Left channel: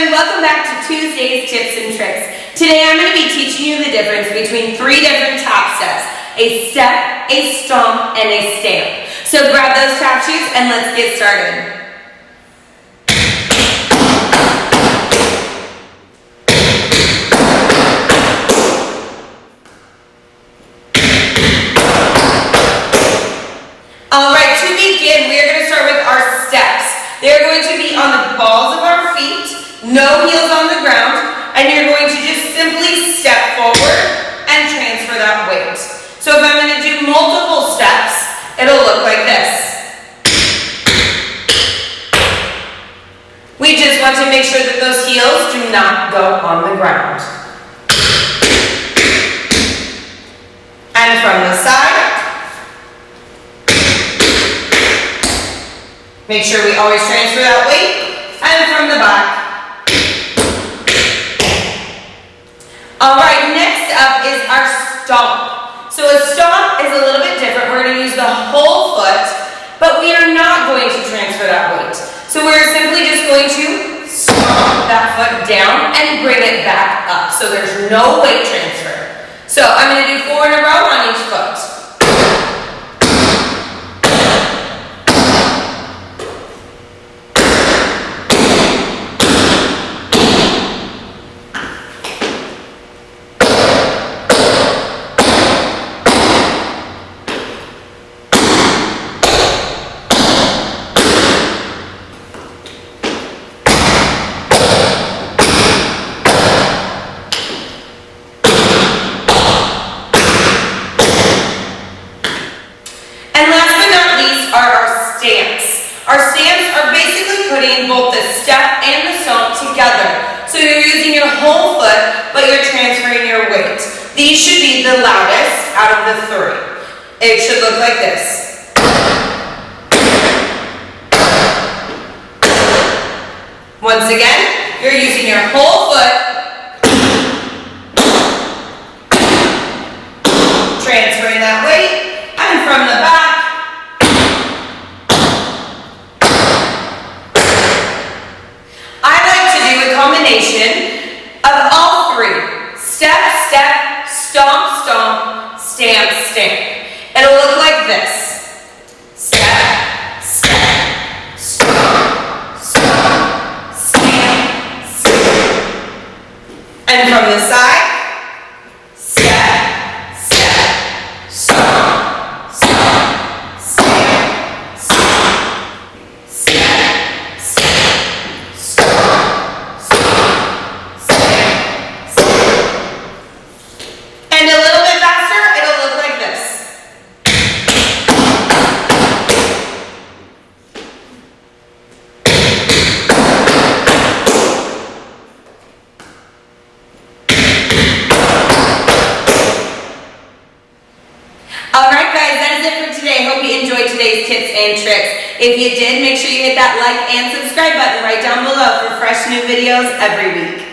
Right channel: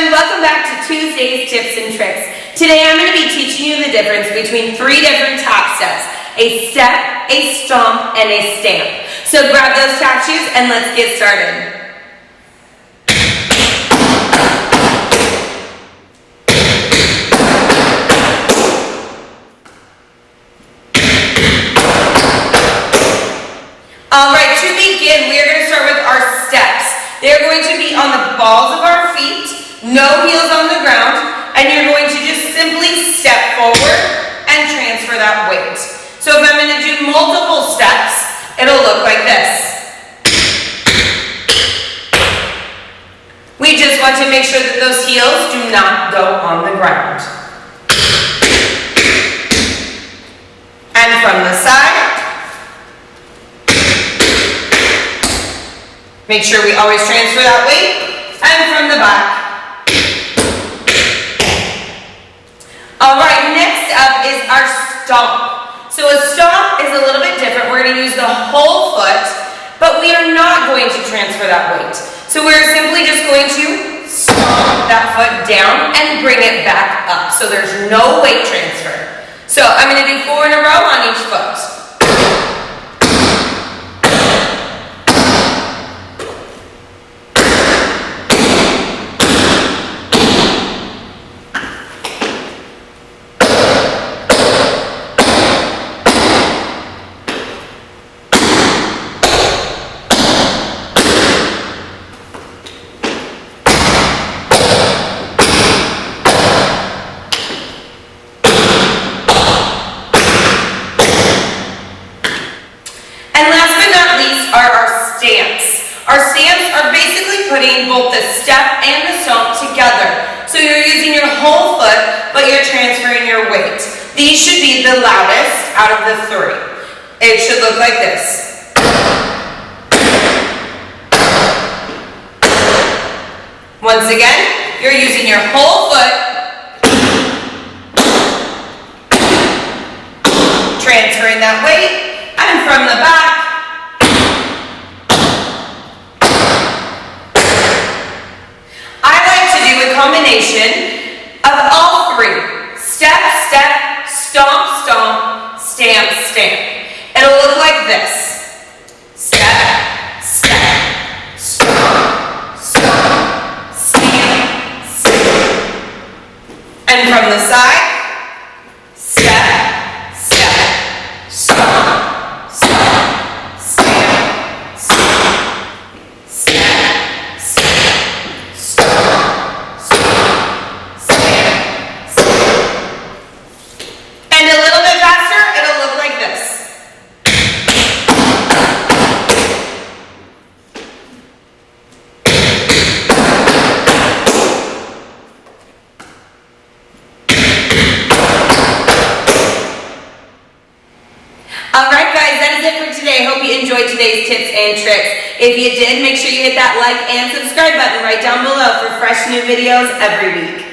everyone, welcome back to Tuesday's Tips and Tricks. Today I'm going to be teaching you the difference between three different tap steps: a step, a stomp, and a stamp. So grab those tap shoes and let's get started. Alright, to begin, we are going to start with our steps. They're going to be on the balls of our feet, no heels on the ground, and you're going to just simply step forward and transfer that weight. So if I'm going to do multiple steps, it'll look like this. We just want to make sure that those heels do not go on the ground. And from the side, make sure we always transfer that weight, and from the back. Alright, next up is our stomp. So a stomp is a little bit different. We're going to use the whole foot, but we are not going to transfer that weight. So we're simply just going to stomp that foot down and bring it back up. So there's no weight transfer. So I'm going to do 4 in a row on each foot. Our stamps are basically putting both the step and the stomp together. So you're using your whole foot, but you're transferring your weight. These should be the loudest out of the 3. It should look like this. Once again, you're using your whole foot, transferring that weight, and from the back, combination of all 3. Step, step, stomp, stomp, stamp, stamp. It'll look like this. Step, step, stomp, stomp, stamp, stamp. And from the side, step, step, stomp, stomp, stamp, stamp, step, step, stomp. And a little bit faster, it'll look like this. Alright guys, that is it for today. Hope you enjoyed today's tips and tricks. If you did, make sure you hit that like and subscribe button right down below for fresh new videos every week.